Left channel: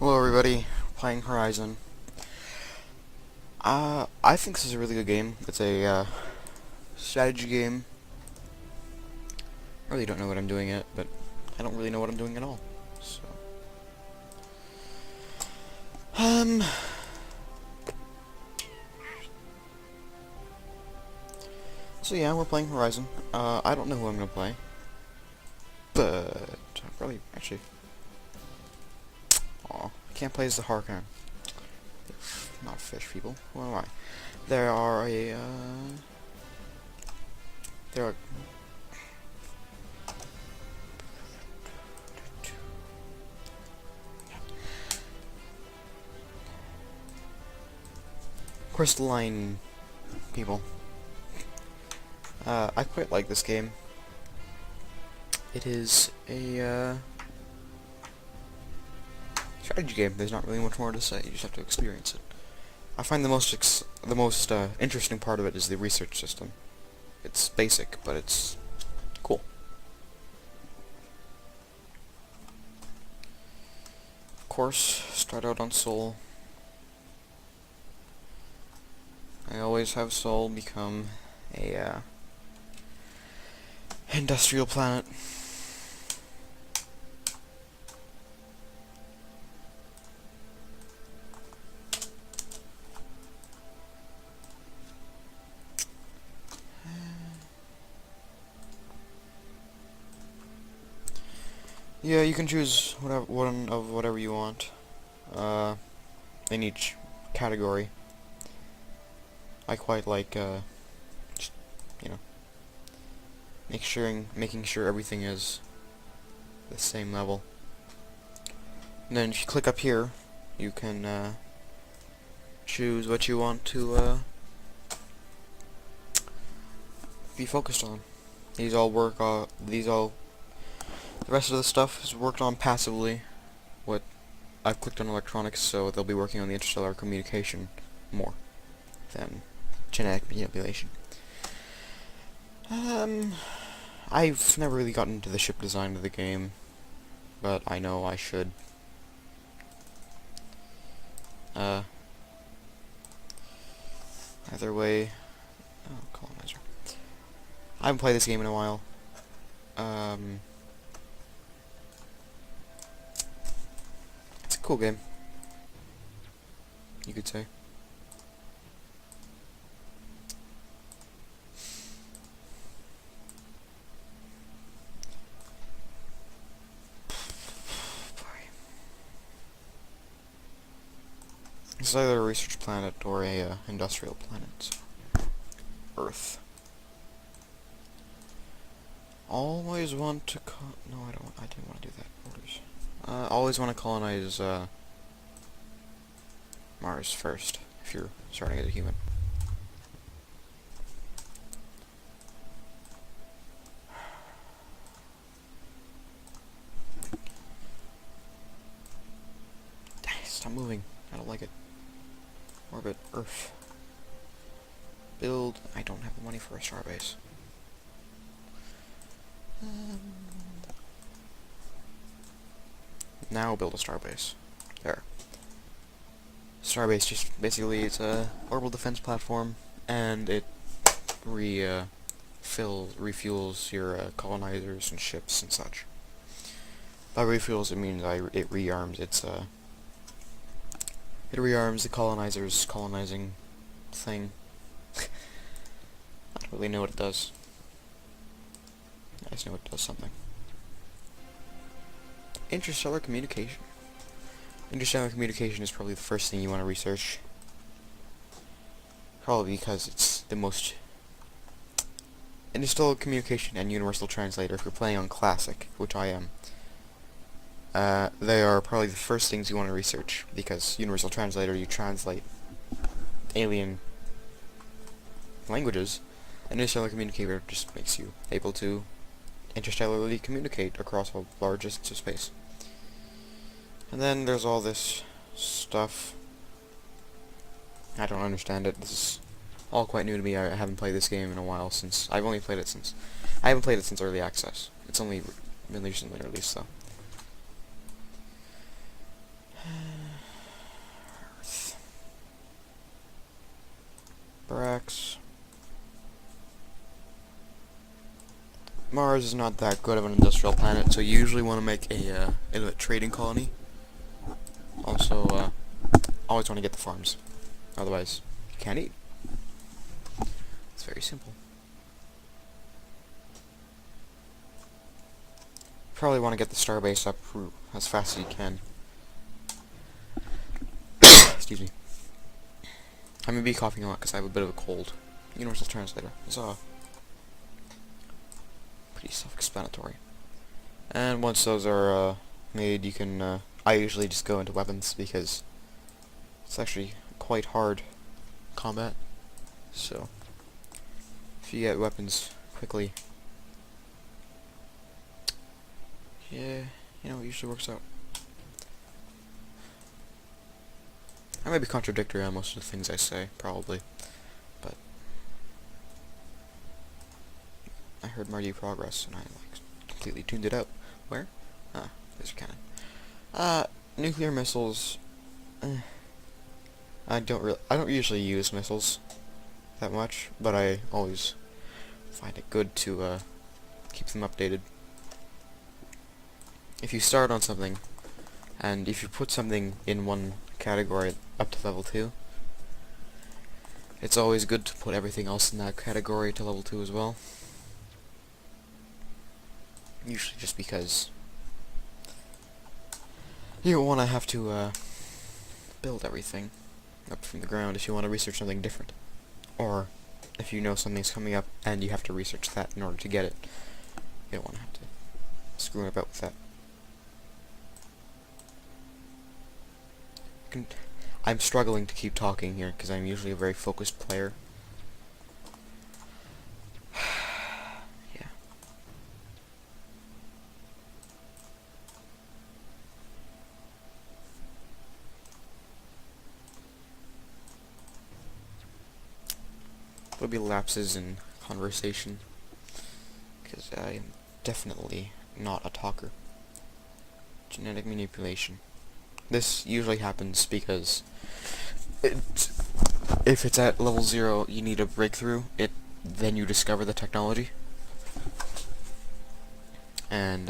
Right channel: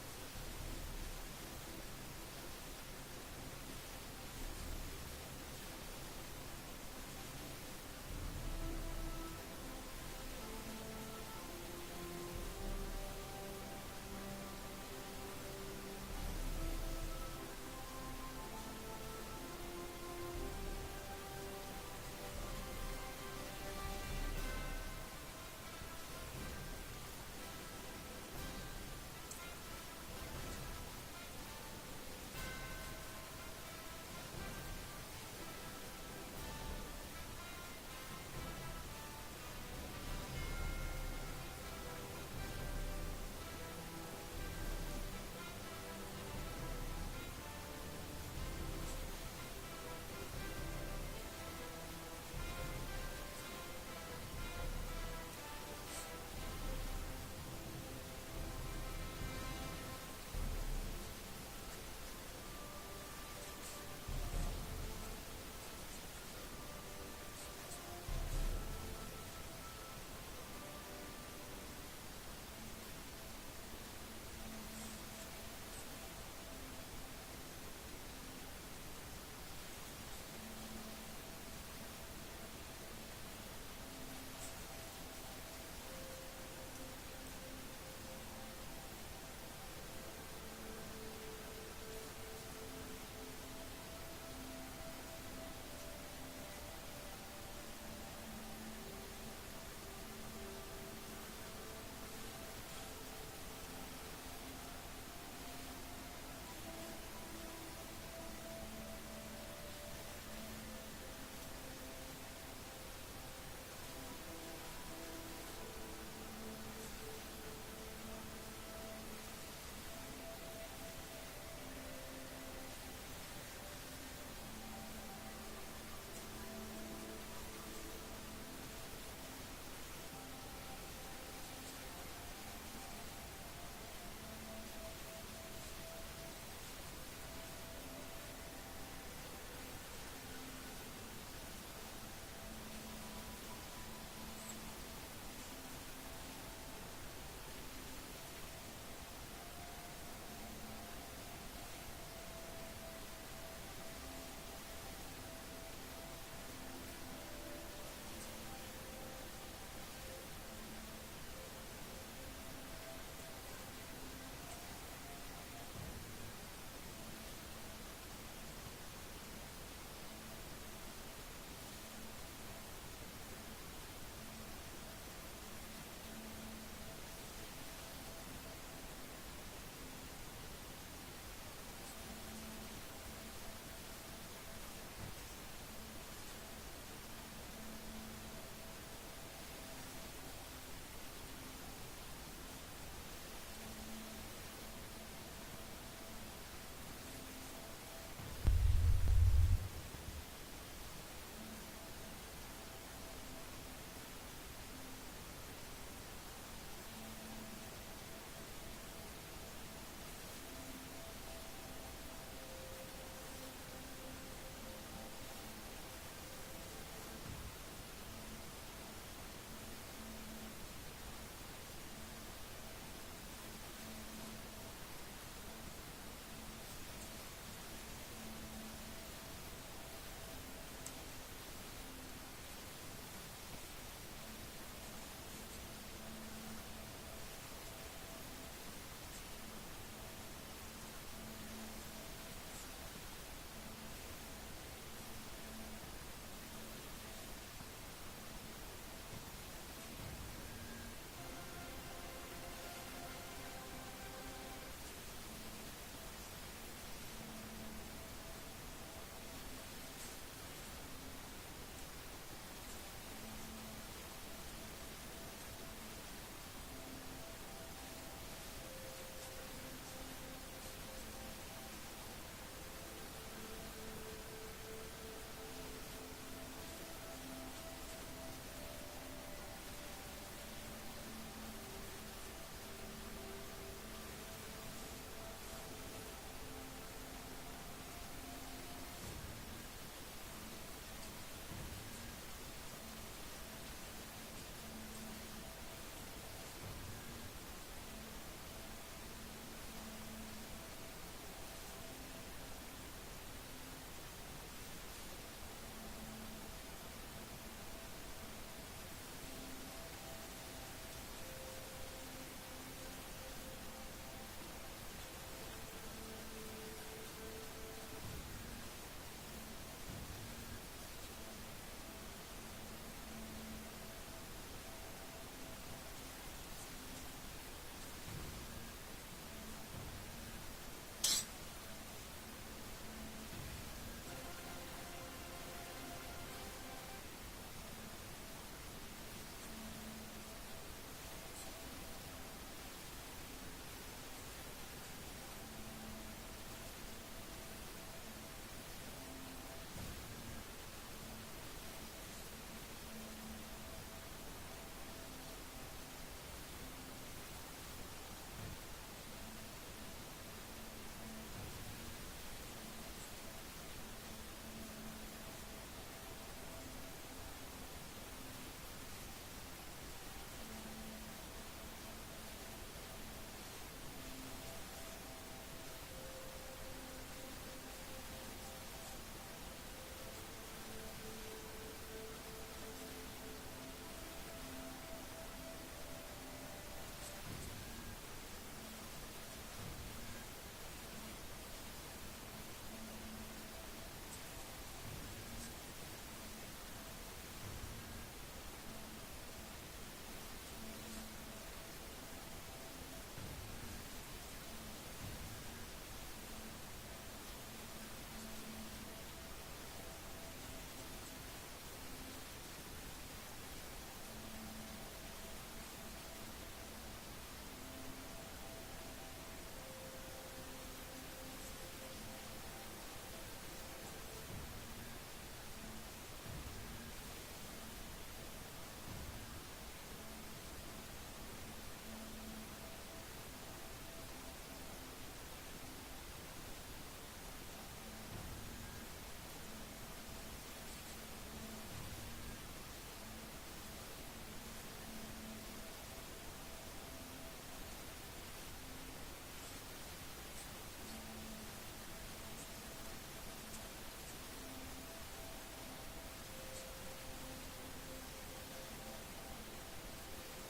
Hello everybody, playing Horizon. I think this is a really good game. It's a strategy game. I really don't know what I'm doing yet, but I don't really know what I'm doing at all. So, so yeah, we're playing Horizon. I don't know who I'm gonna play, but probably actually, can't play as the Harkon. Not fish people. Where am I? There are a there are crystalline people. I quite like this game. It is a strategy game. There's not really much more to say. You just have to experience it. I find the most interesting part of it is the research system. It's basic, but it's cool. Of course, start out on Sol. I always have Sol become a industrial planet. Yeah, you can choose one of whatever you want in each category. I quite like just, you know, making sure everything is the same level. And then if you click up here, you can choose what you want to be focused on. These all work. The rest of the stuff is worked on passively. What I've clicked on electronics, so they'll be working on the interstellar communication more than genetic manipulation. I've never really gotten into the ship design of the game, but I know I should. Either way, colonizer. I haven't played this game in a while. It's a cool game, you could say. It's either a research planet or a industrial planet. Earth. Always want to no, I don't. I didn't want to do that. Orders. Always want to colonize Mars first if you're starting as a human. Stop moving. I don't like it. Orbit Earth. Build. I don't have the money for a starbase. Now build a starbase. There. Starbase just basically it's a orbital defense platform, and it refuels your colonizers and ships and such. By refuels, it means it rearms its it rearms the colonizers' colonizing thing. I don't really know what it does. I just know it does something. Interstellar communication. Interstellar communication is probably the first thing you want to research. Probably because it's the most... Interstellar communication and universal translator, if you're playing on classic, which I am, they are probably the first things you want to research, because universal translator, you translate alien languages, and interstellar communicator just makes you able to interstellarly communicate across a large distance of space. And then there's all this stuff. I don't understand it. This is all quite new to me. I haven't played this game in a while since... I haven't played it since early access. It's only been recently released, though. Mars is not that good of an industrial planet, so you usually want to make a trading colony. Also, always want to get the farms. Otherwise, you can't eat. It's very simple. Probably want to get the starbase up as fast as you can. Excuse me. I may be coughing a lot because I have a bit of a cold. Universal translator. It's pretty self-explanatory. And once those are made, you can. I usually just go into weapons because it's actually quite hard combat. So if you get weapons quickly, yeah, you know, it usually works out. I may be contradictory on most of the things I say, probably, but I heard Marty Progress and I completely tuned it out. Where? Ah, there's your cannon. Nuclear missiles. I don't usually use missiles that much, but I always find it good to keep them updated. If you start on something, and if you put something in one category up to level 2, it's always good to put everything else in that category to level 2 as well. Usually just because you don't want to have to build everything up from the ground if you want to research something different. Or if you know something's coming up and you have to research that in order to get it, you don't want to have to screw about with that. I'm struggling to keep talking here because I'm usually a very focused player. Yeah. There'll be lapses in conversation because I'm definitely not a talker. Genetic manipulation. This usually happens because if it's at level 0, you need a breakthrough. Then you discover the technology, and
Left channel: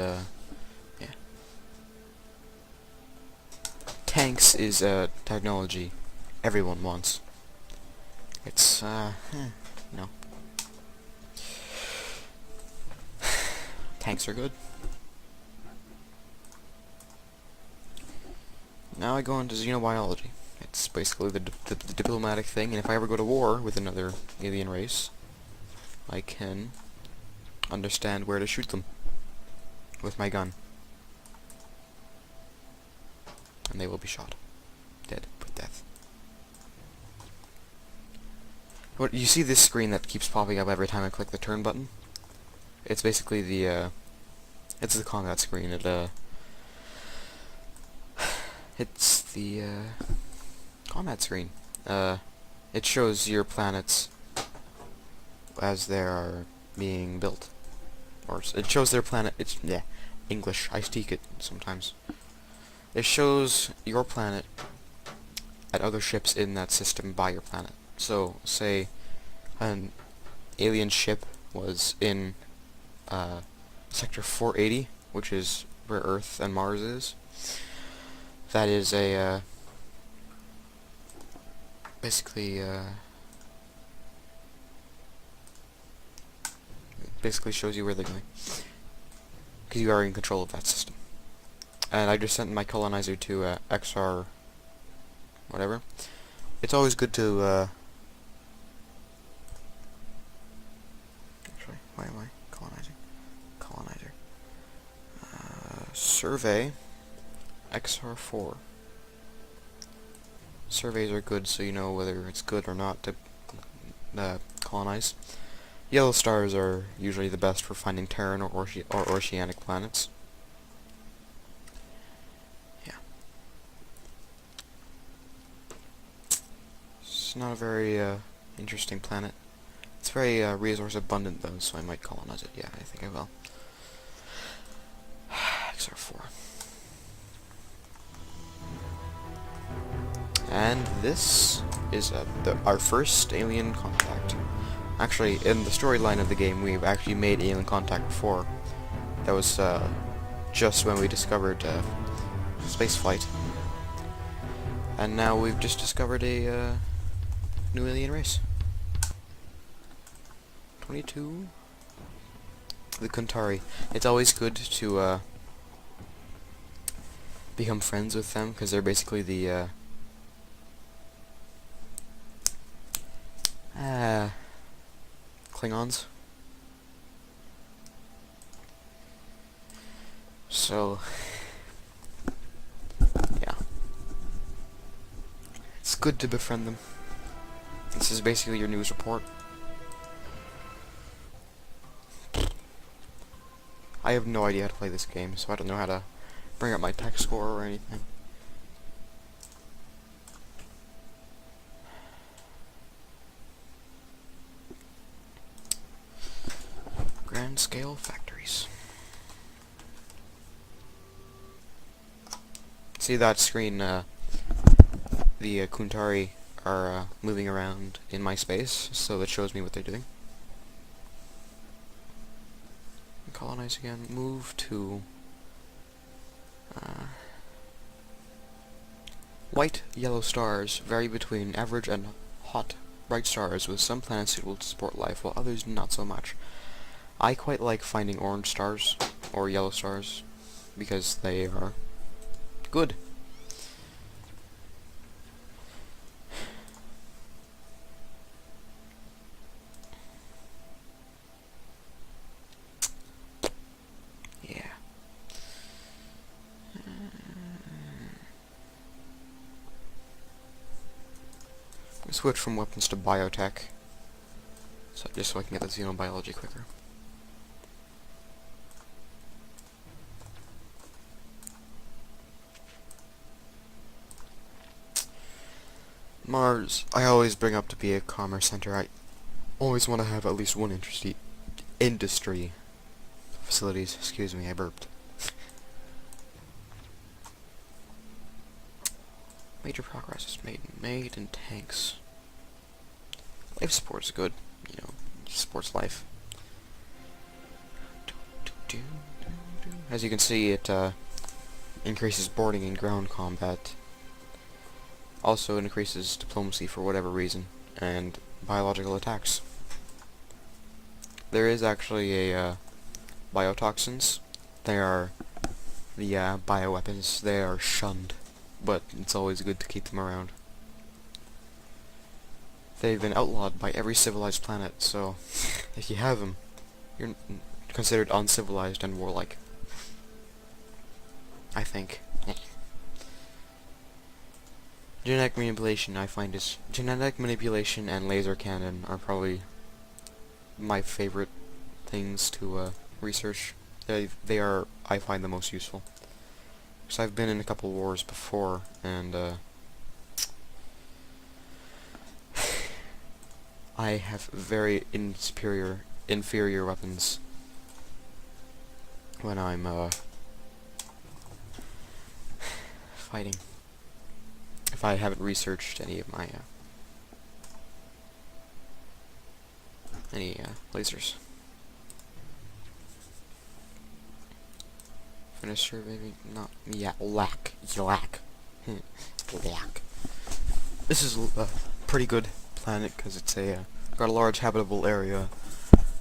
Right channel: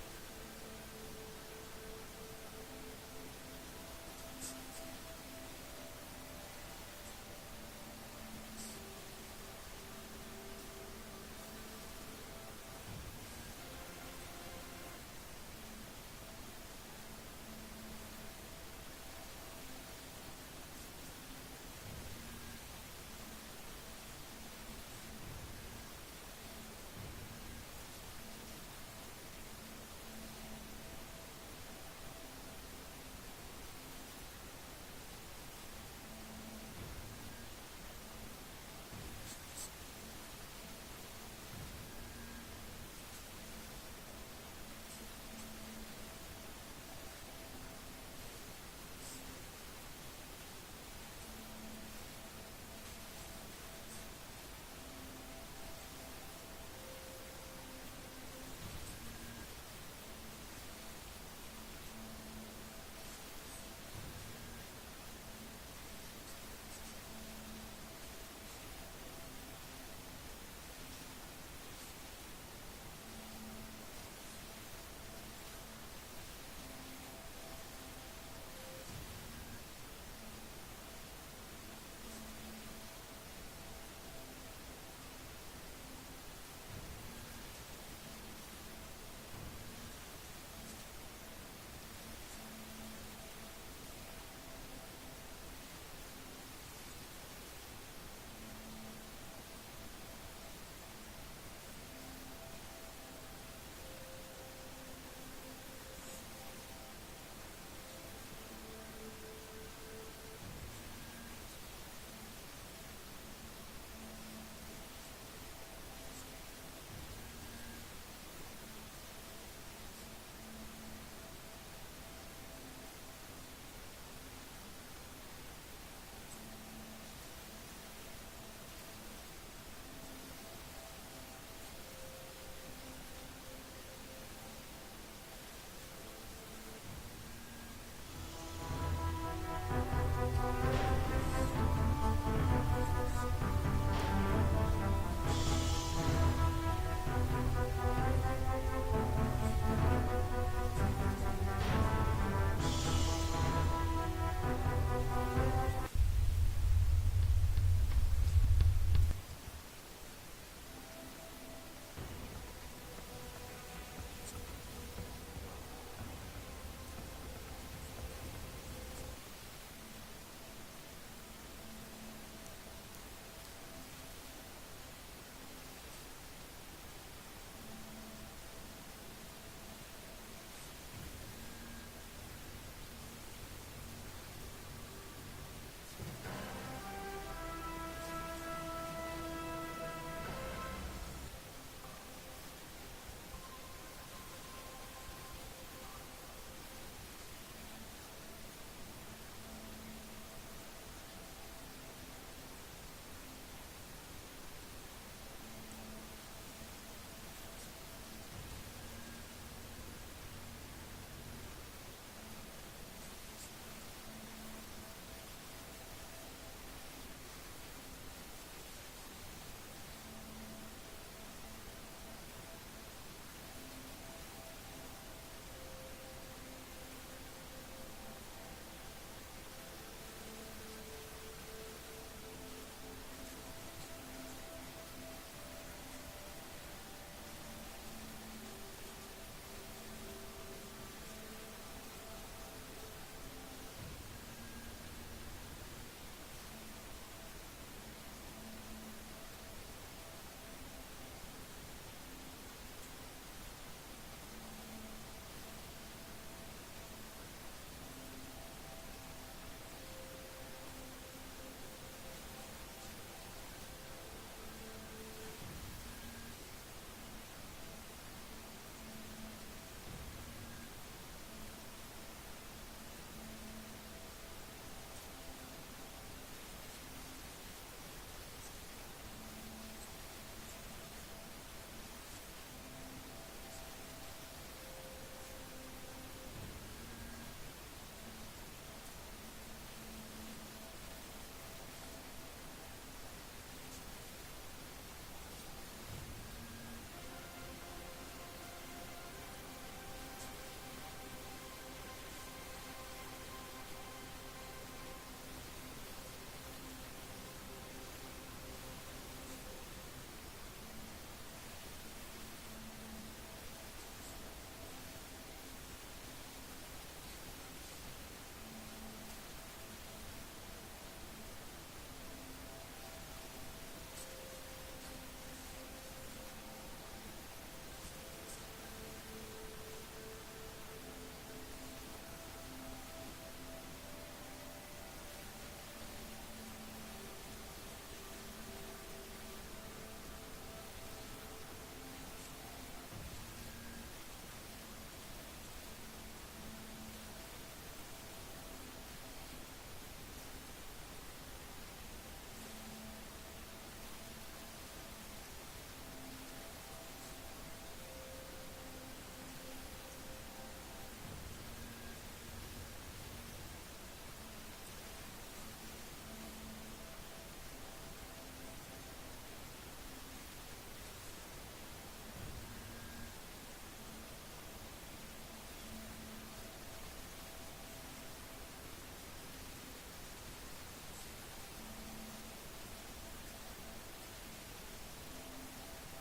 yeah. Tanks is a technology everyone wants. It's no. Tanks are good. Now I go on to xenobiology. It's basically the diplomatic thing, and if I ever go to war with another alien race, I can understand where to shoot them with my gun. And they will be shot. Dead. Put death. What you see this screen that keeps popping up every time I click the turn button? It's basically it's the combat screen. It's the combat screen. It shows your planets as they are being built, or it shows their planet. It's English. I speak it sometimes. It shows your planet at other ships in that system by your planet. So, say an alien ship was in sector 480, which is where Earth and Mars is. That is a, basically shows you where they're going, because you are in control of that system. And I just sent my colonizer to XR whatever. It's always good to actually, why am I colonizer survey XR4. Surveys are good so you know whether it's good or not to colonize. Yellow stars are usually the best for finding Terran or oceanic planets. Yeah. It's not a very interesting planet. It's very resource abundant though, so I might colonize it. Yeah, I think I will. XR4. And this is our first alien contact. Actually, in the storyline of the game, we've actually made alien contact before. That was just when we discovered spaceflight. And now we've just discovered a new alien race. 22? The Kuntari. It's always good to become friends with them, because they're basically the Klingons. So, yeah. It's good to befriend them. This is basically your news report. I have no idea how to play this game, so I don't know how to bring up my tech score or anything. Grand scale factories. See that screen, the Kuntari are moving around in my space, so it shows me what they're doing. Colonize again. Move to white, yellow stars vary between average and hot, bright stars, with some planets suitable to support life, while others not so much. I quite like finding orange stars, or yellow stars, because they are good. Switch from weapons to biotech, so just so I can get the xenobiology quicker. Mars, I always bring up to be a commerce center. I always want to have at least one industry facilities. Excuse me, I burped. Major progress is made in tanks. Life support is good, you know, supports life. As you can see, it increases boarding and ground combat. Also increases diplomacy for whatever reason, and biological attacks. There is actually a biotoxins. They are the bioweapons. They are shunned, but it's always good to keep them around. They've been outlawed by every civilized planet, so if you have them, you're considered uncivilized and warlike. I think. Genetic manipulation, I find, is genetic manipulation and laser cannon are probably my favorite things to research. They are, I find, the most useful. Because I've been in a couple wars before, and I have very inferior weapons when I'm fighting. If I haven't researched any of my lasers. Finisher, maybe not. Yeah, lack. Lack. This is a pretty good planet because it's got a large habitable area,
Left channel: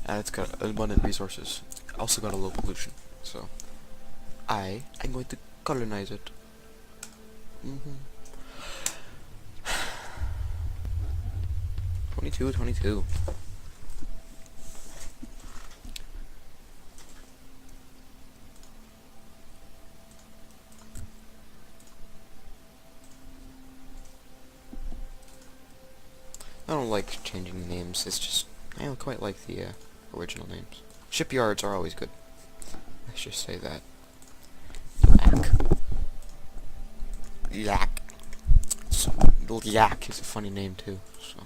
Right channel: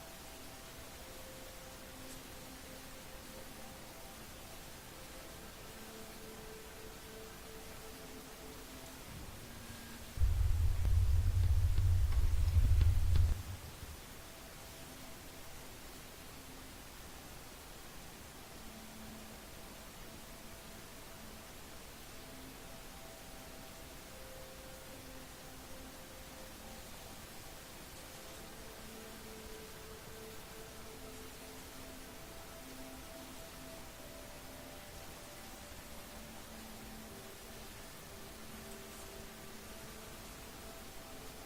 and it's got abundant resources. Also got a low pollution. So I'm going to colonize it. 22. I don't like changing names, it's just, I don't quite like the original names. Shipyards are always good. Let's just say that. Yak. Yak is a funny name too, so.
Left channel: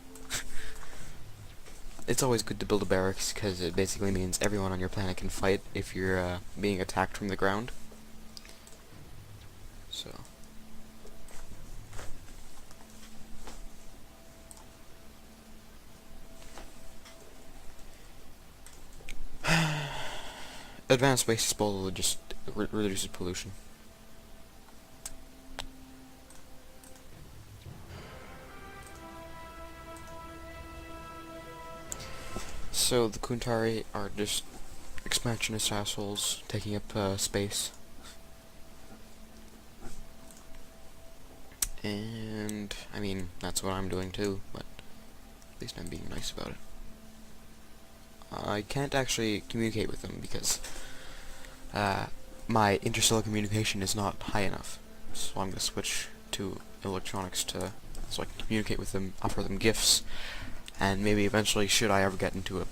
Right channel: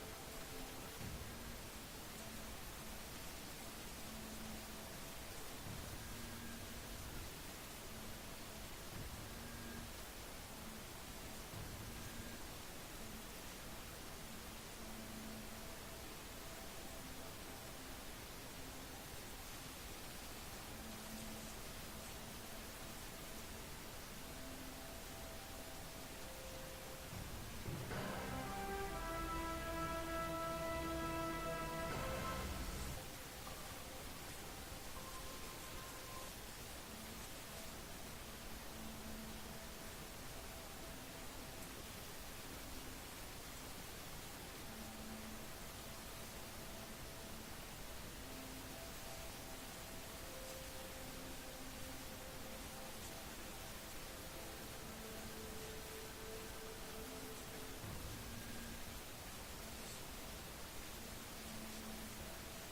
It's always good to build a barracks, because it basically means everyone on your planet can fight if you're being attacked from the ground. So. advanced waste disposal just reduces pollution. So the Kuntari are just expansionist assholes taking up space. And, I mean, that's what I'm doing too, but at least I'm being nice about it. I can't actually communicate with them because my interstellar communication is not high enough. So I'm going to switch to electronics so I can communicate with them, offer them gifts, and maybe eventually, should I ever get into a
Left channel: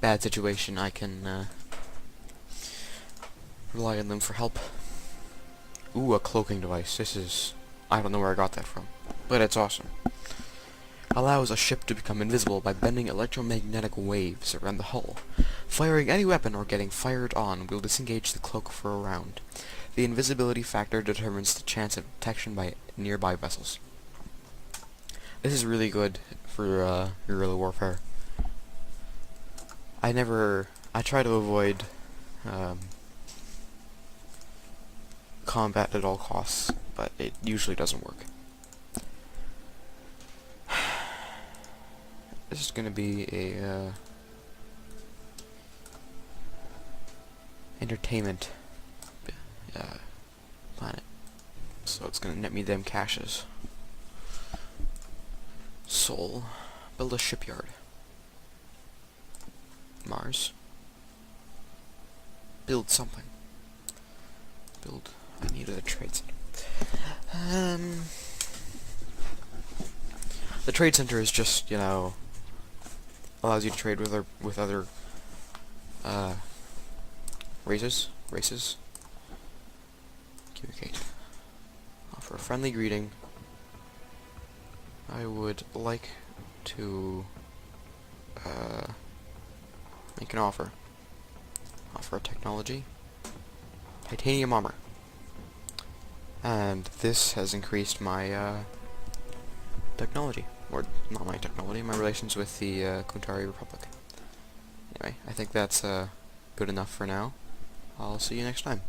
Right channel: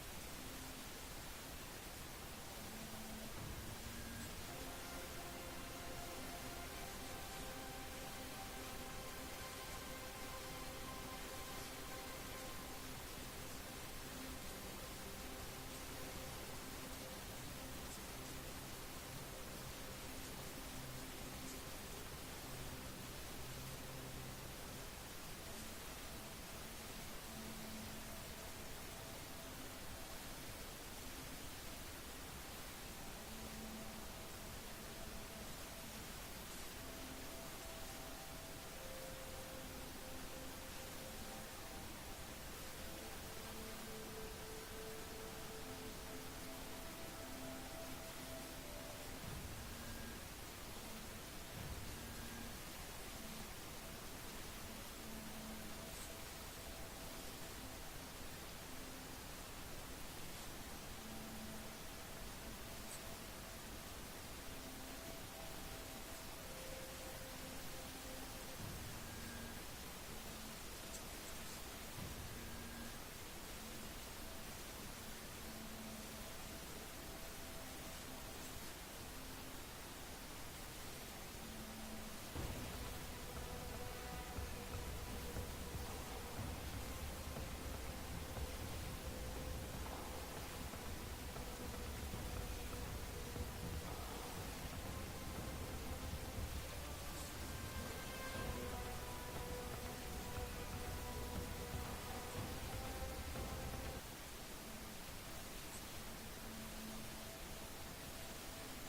bad situation, I can rely on them for help. Ooh, a cloaking device. I don't know where I got that from, but it's awesome. Allows a ship to become invisible by bending electromagnetic waves around the hull. Firing any weapon or getting fired on will disengage the cloak for a round. The invisibility factor determines the chance of detection by nearby vessels. This is really good for guerrilla warfare. I try to avoid combat at all costs, but it usually doesn't work. This is gonna be a entertainment planet, so it's gonna net me them caches. Sol, build a shipyard. Mars, build something. I needed a trade center. The trade center is just, allows you to trade with other races. Communicate. Offer a friendly greeting. I would like to make an offer. Offer a technology. Titanium armor. And this has increased my technology. Or not my technology, my relations with the Kuntari Republic. Anyway, I think that's good enough for now. I'll see you next time.